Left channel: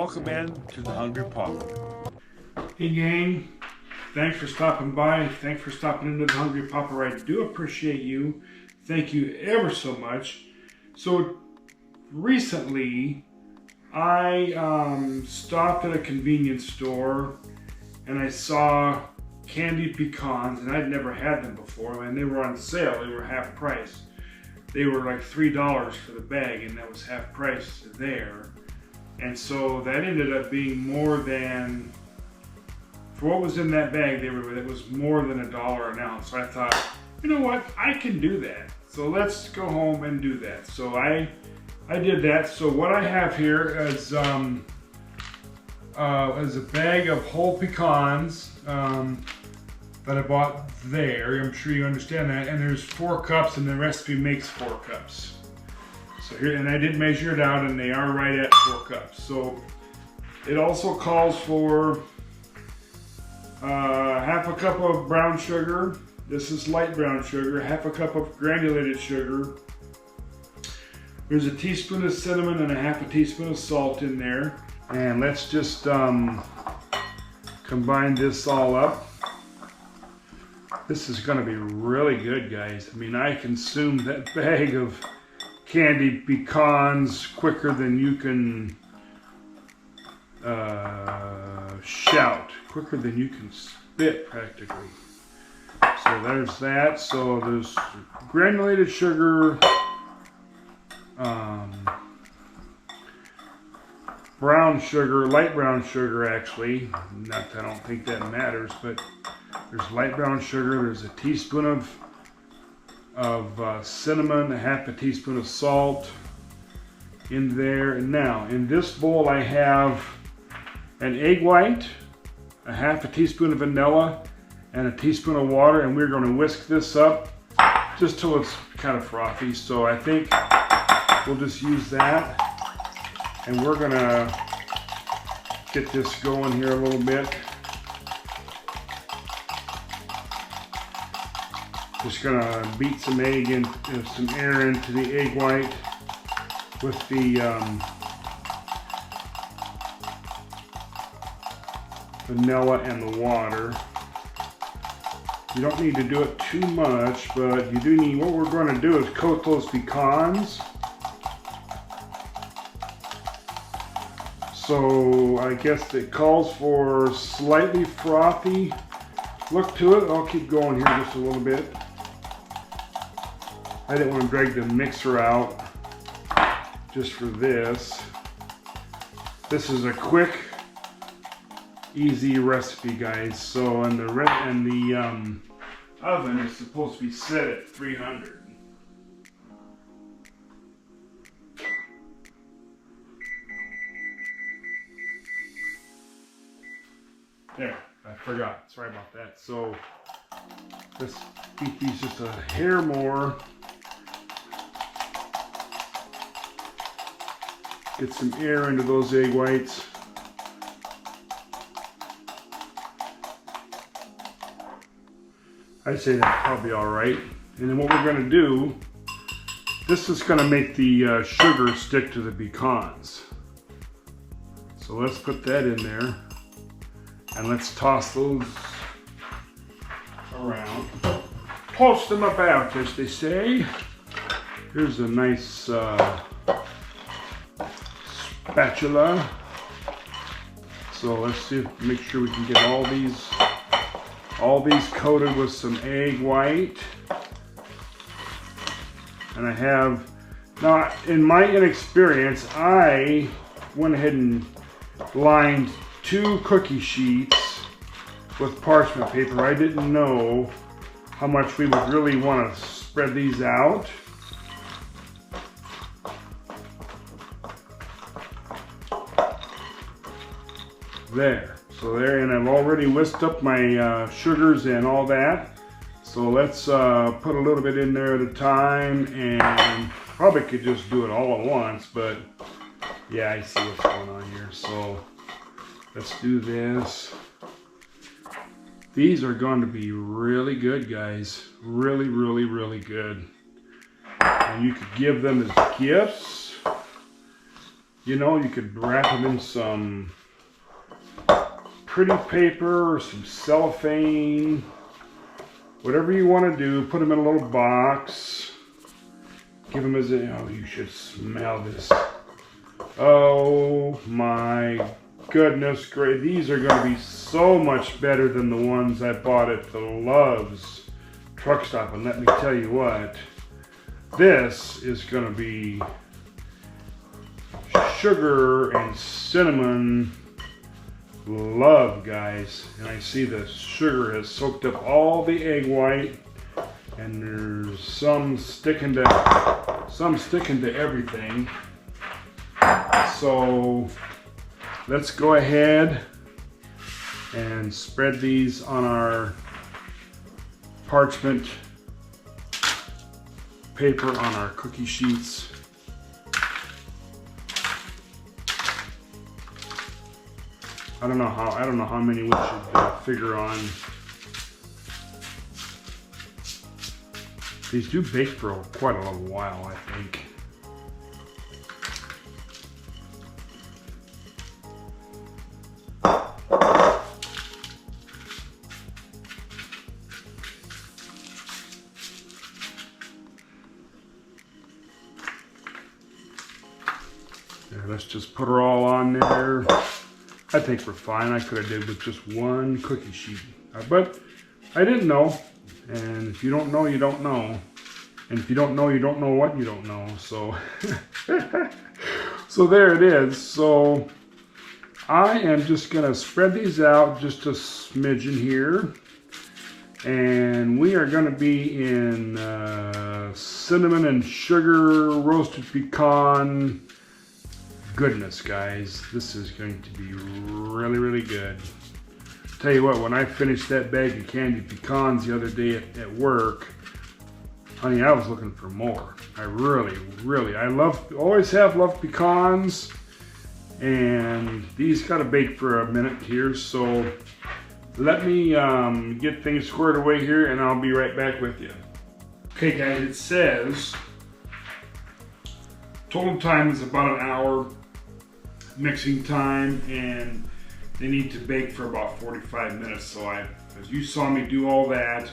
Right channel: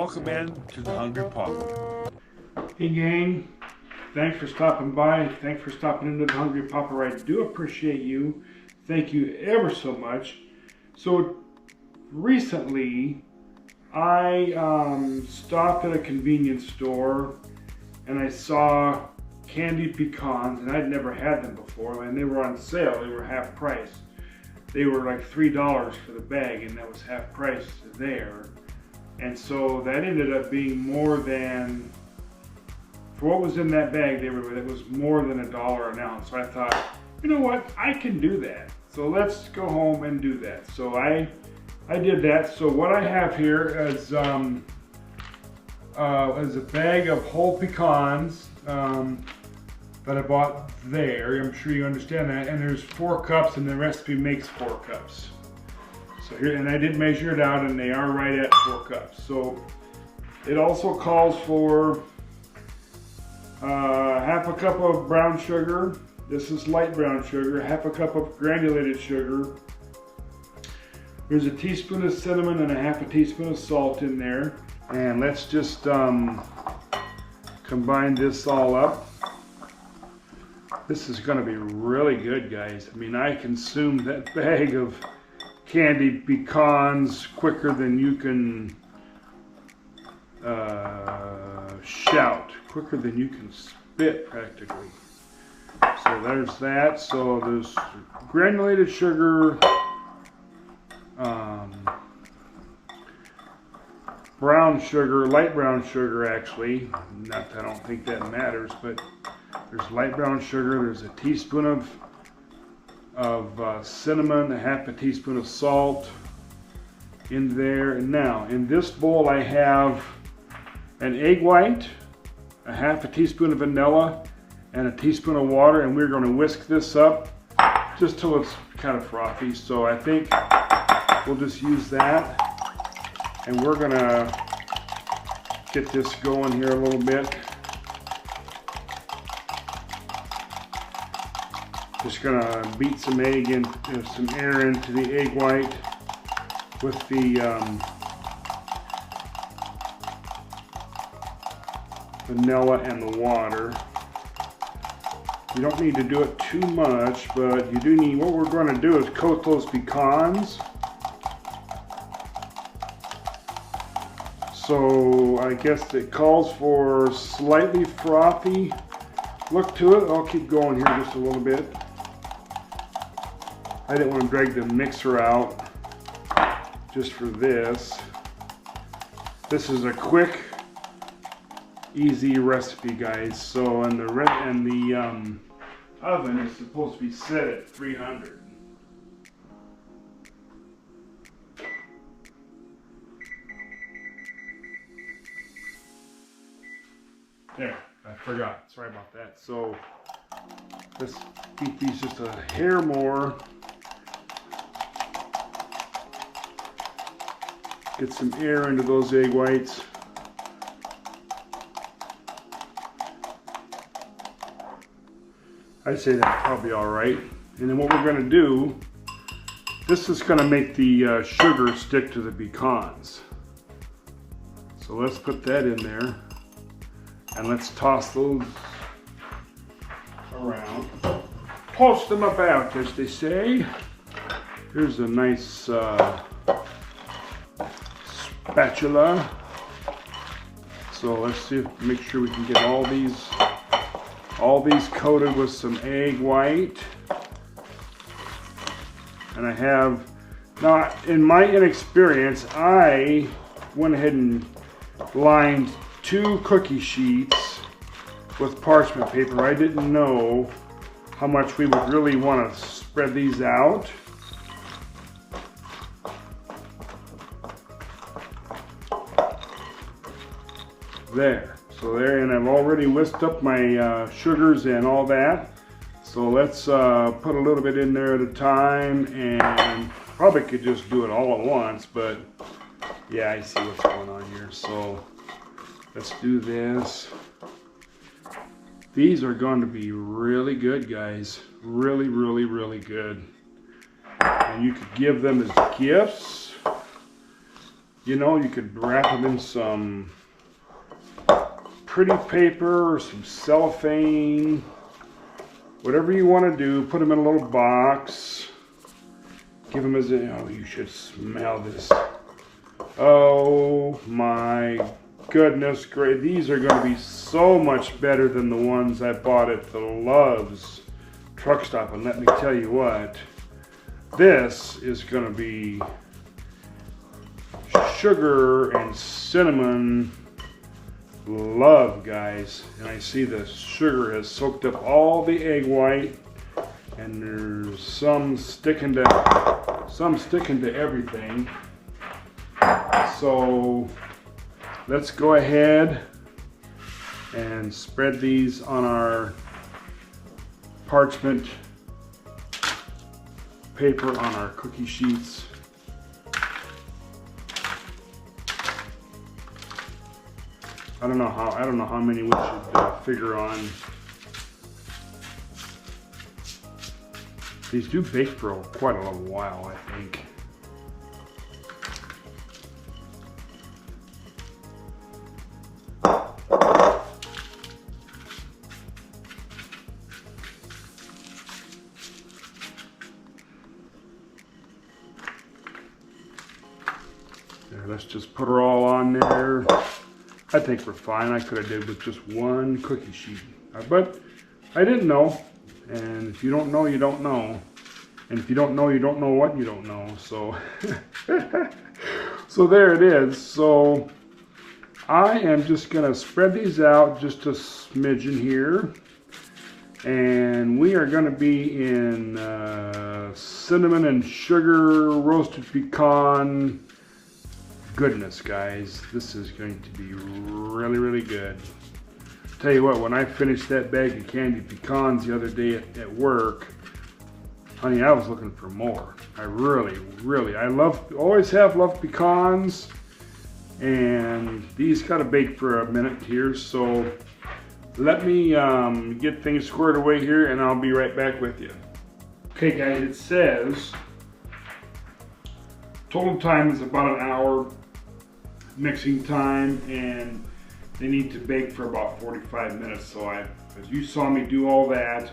welcome in to the Hungry Papa. Hey gang, thanks for stopping by. Thanks for stopping into the Hungry Papa. I do appreciate you. Thank you ever so much. So recently I stopped at a convenience store and I saw Candied Pecans, and I'd never had them before, and they were on sale. They were half price. They were like $3 for the bag, and that was half price there. And so that ended up being more than, for what was in that bag, it was more than $1 an ounce. So I thought, you know what, I can do that. So let's go home and do that. So I did that. So what I have here is a bag of whole pecans that I bought there. I'm sure you understand that. And there's 4 cups, and the recipe makes 4 cups. So here, and I did measure it out, and they are right at 4 cups. So it also calls for half a cup of brown sugar. This is light brown sugar. Half a cup of granulated sugar. There's a teaspoon of cinnamon and a half a teaspoon of salt in there. And let's just combine this all up. This is going to be really good, guys. I mean, I consumed that bag of candied pecans quicker than you can shout, quicker than you can spit, practically. So there's that. So there's granulated sugar, brown sugar, light brown sugar actually. Not that I don't think that matters, but there's light brown sugar. There's a teaspoon of cinnamon, a half a teaspoon of salt in there. And now in this bowl I have an egg white, a half a teaspoon of vanilla, and a teaspoon of water, and we're going to whisk this up just till it's kind of frothy. So I think we'll just use that, and we're going to get this going here a little bit. Just gonna beat some egg and some air into the egg white with the vanilla and the water. You don't need to do it too much, but you do need, what we're going to do is coat those pecans. So I guess it calls for slightly frothy look to it. I'll keep going here just a little bit. I didn't want to drag the mixer out just for this. This is a quick, easy recipe, guys. So, and the oven is supposed to be set at 300. There, I forgot. Sorry about that. So let's heat these just a hair more. Get some air into those egg whites. I'd say that's probably all right. And then what we're going to do, this is going to make the sugar stick to the pecans. So let's put that in there. And let's toss those around. Toss them about, as they say. Here's a nice spatula. So let's see, make sure we can get all these coated with some egg white. And I have, now in my inexperience, I went ahead and lined 2 cookie sheets with parchment paper. I didn't know how much we would really want to spread these out. There, so there, and I've already whisked up my sugars and all that. So let's put a little bit in there at a time, and probably could just do it all at once, but yeah, I see what's going on here. So let's do this. These are going to be really good, guys. Really, really, really good. And you could give them as gifts. You know, you could wrap them in some pretty paper or some cellophane, whatever you want to do. Put them in a little box. Give them as a, oh, you should smell this. Oh my goodness, great. These are going to be so much better than the ones I bought at the Love's truck stop. And let me tell you what, this is going to be sugar and cinnamon love, guys. And I see the sugar has soaked up all the egg white, and there's some sticking to everything. So let's go ahead and spread these on our parchment paper on our cookie sheets. I don't know how many we should figure on. These do bake for quite a little while, I think. There, let's just put her all on there. I think we're fine. I could have did with just one cookie sheet, but I didn't know. And if you don't know, you don't know. And if you don't know, you don't know what you don't know. So, so there it is. So I am just gonna spread these out just a smidgen here, and we are gonna be in cinnamon and sugar roasted pecan goodness, guys. This is going to be really, really good. Tell you what, when I finished that bag of candied pecans the other day at work, honey, I was looking for more. I really, always have loved pecans, and these gotta bake for a minute here, so let me get things squared away here, and I'll be right back with you. Okay, guys, it says total time is about an hour mixing time, and they need to bake for about 45 minutes. So as you saw me do all that,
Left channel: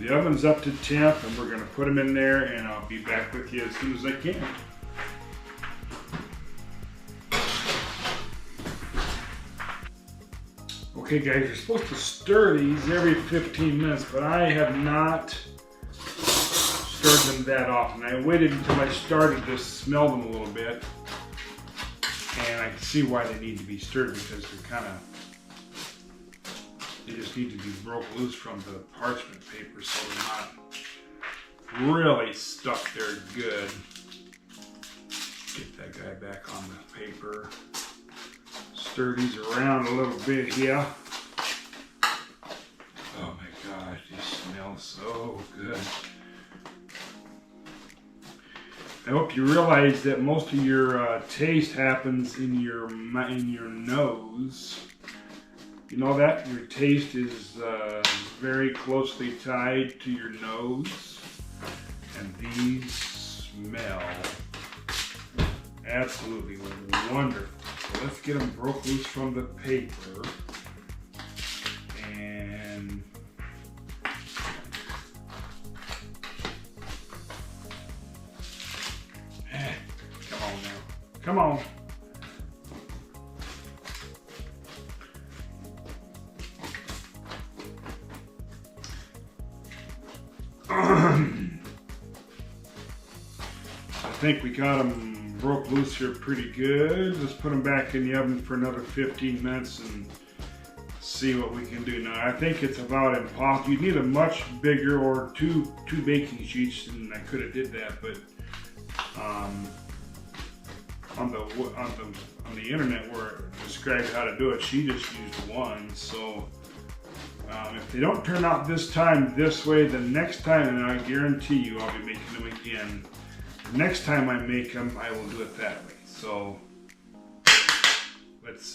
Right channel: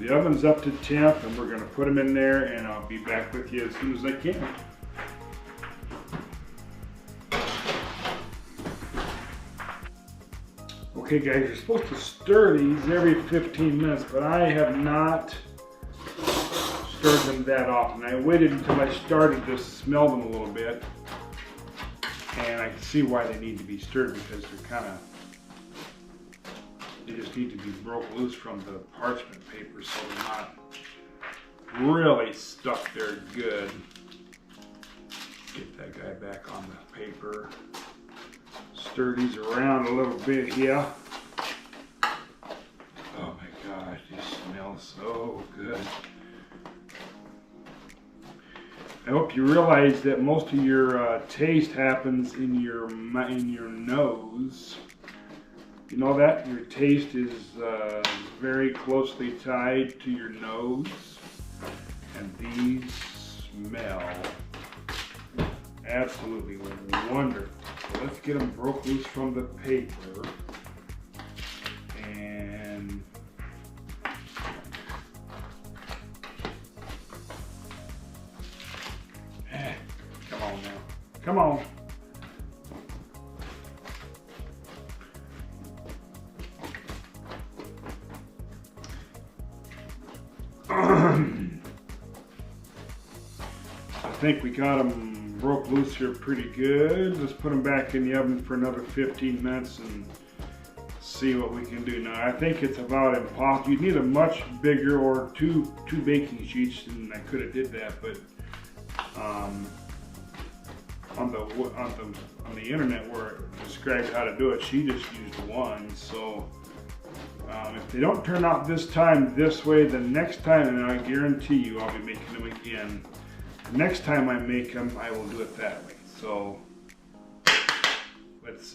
the oven's up to temp, and we're going to put them in there, and I'll be back with you as soon as I can. Okay, guys, you're supposed to stir these every 15 minutes, but I have not stirred them that often. I waited until I started to smell them a little bit, and I can see why they need to be stirred, because they just need to be broke loose from the parchment paper so they're not really stuck there good. Get that guy back on the paper. Stir these around a little bit here. Oh my gosh, these smell so good. I hope you realize that most of your taste happens in your nose. You know that? Your taste is very closely tied to your nose. And these smell absolutely wonderful. So let's get them broke loose from the paper. And come on now. Come on. I think we got them broke loose here pretty good. Let's put them back in the oven for another 15 minutes and see what we can do. Now I think it's about impossible. You need a much bigger, or two baking sheets, and I could have did that, but on the internet where it described how to do it, she just used one. So if they don't turn out this time this way, the next time, and I guarantee you I'll be making them again. The next time I make them, I will do it that way. So let's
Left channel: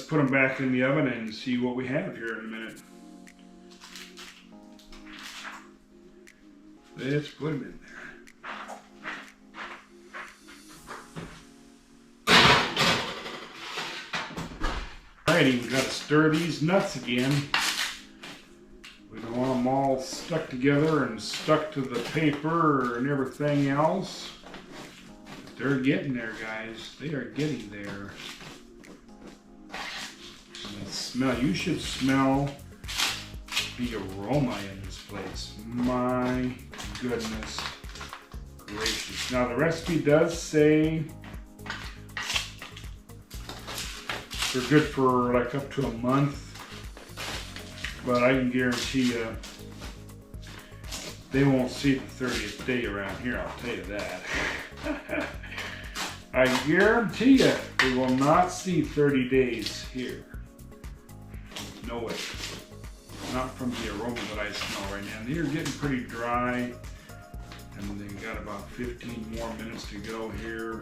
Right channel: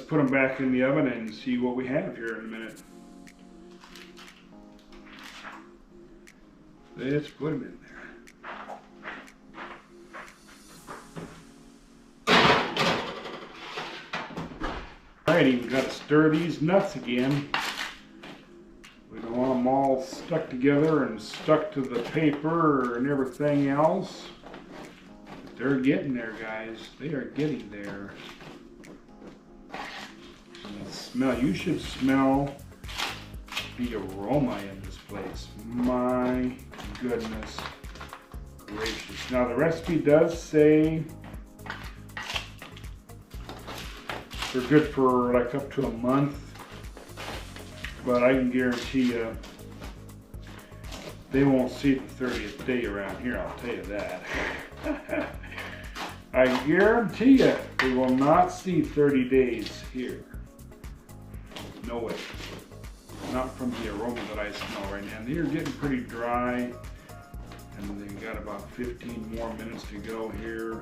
put them back in the oven and see what we have here in a minute. Let's put them in there. Alrighty, we gotta stir these nuts again. We don't want them all stuck together and stuck to the paper and everything else. But they're getting there, guys. They are getting there. And the smell, you should smell the aroma in this place. My goodness gracious. Now the recipe does say they're good for like up to a month, but I can guarantee you they won't see the 30th day around here, I'll tell you that. I guarantee you they will not see 30 days here. No way. Not from the aroma that I smell right now. These are getting pretty dry, and they got about 15 more minutes to go here.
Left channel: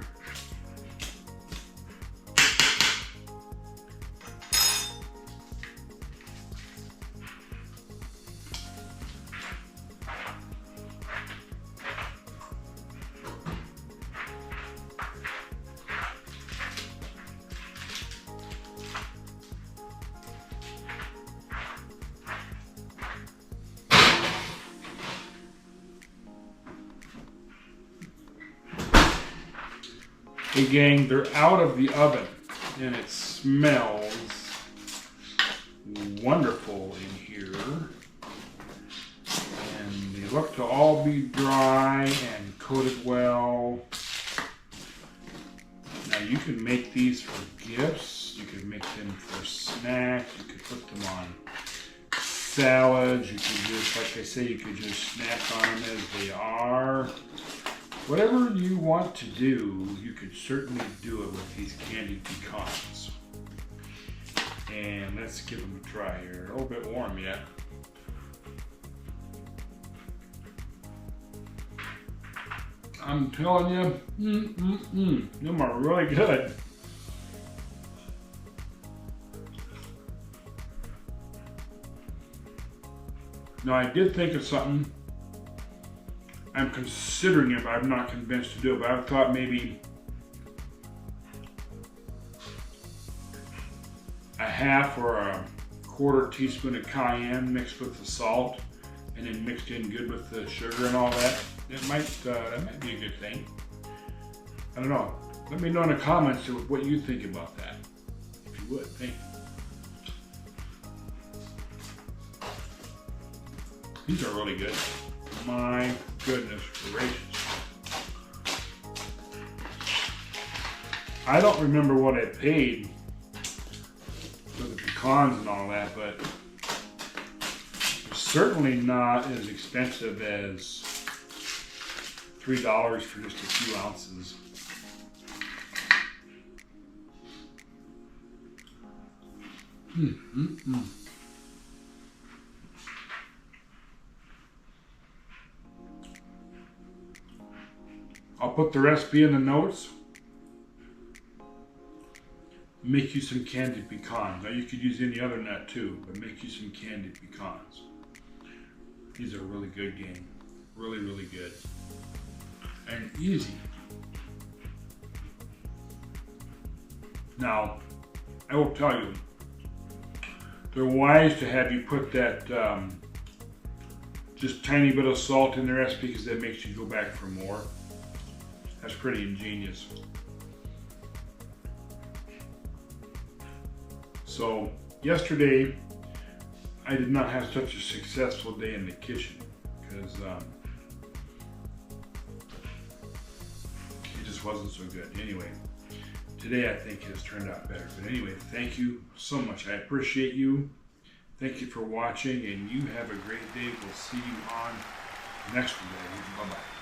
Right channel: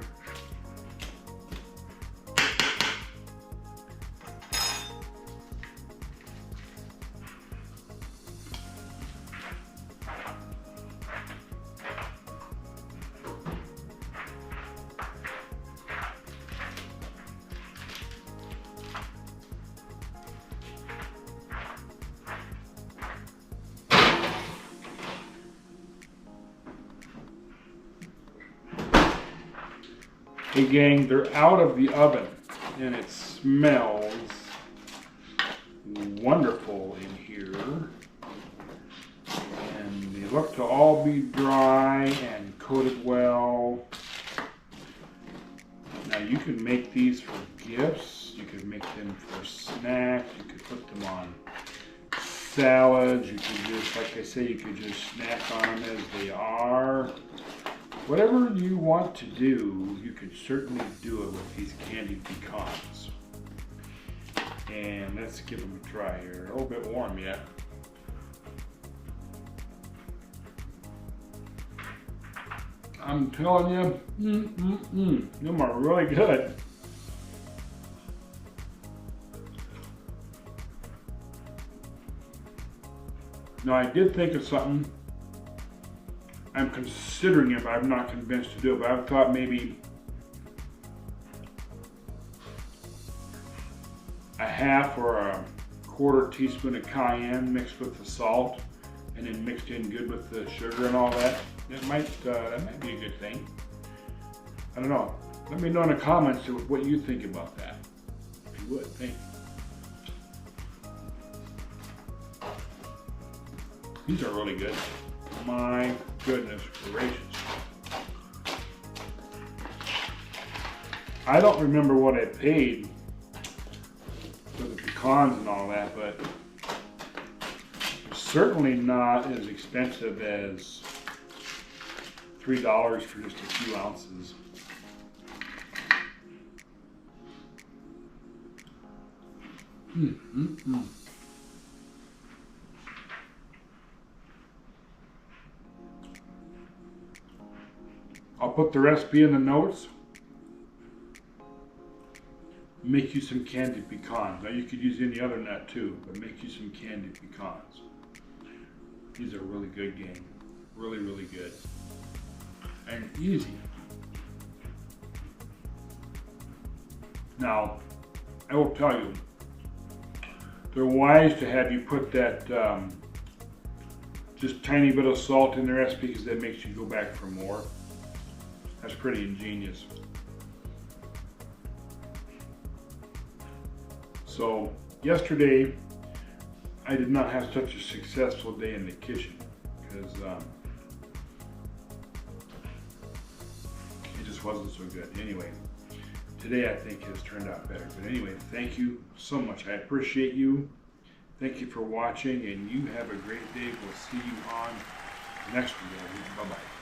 Hey gang, they're out of the oven and it smells wonderful in here. And they look to all be dry and coated well. Now you can make these for gifts, you could make them for snacks, you could put them on salads, you could just, like I say, you could just snack on them as they are. Whatever you want to do, you could certainly do it with these candied pecans. And let's give them a try here. A little bit warm yet. I'm telling you, them are really good. Now I did think of something. I'm considering it, but I'm not convinced to do it. But I thought maybe a half or a quarter teaspoon of cayenne mixed with the salt, and then mixed in good with the sugar and all that. That might be a good thing. I don't know. Let me know in the comments what you think about that. If you would, thank you. These are really good. My goodness gracious. I don't remember what I paid for the pecans and all that, but certainly not as expensive as $3 for just a few ounces. I'll put the recipe in the notes. Make you some candied pecans. Now you could use any other nut too, but make you some candied pecans. These are really good, gang. Really, really good. And easy. Now, I will tell you, they're wise to have you put that just tiny bit of salt in the recipe because that makes you go back for more. That's pretty ingenious. So yesterday, I did not have such a successful day in the kitchen because it just wasn't so good. Anyway, today I think has turned out better. But anyway, thank you so much. I appreciate you. Thank you for watching, and you have a great day. We'll see you on next video. Bye-bye.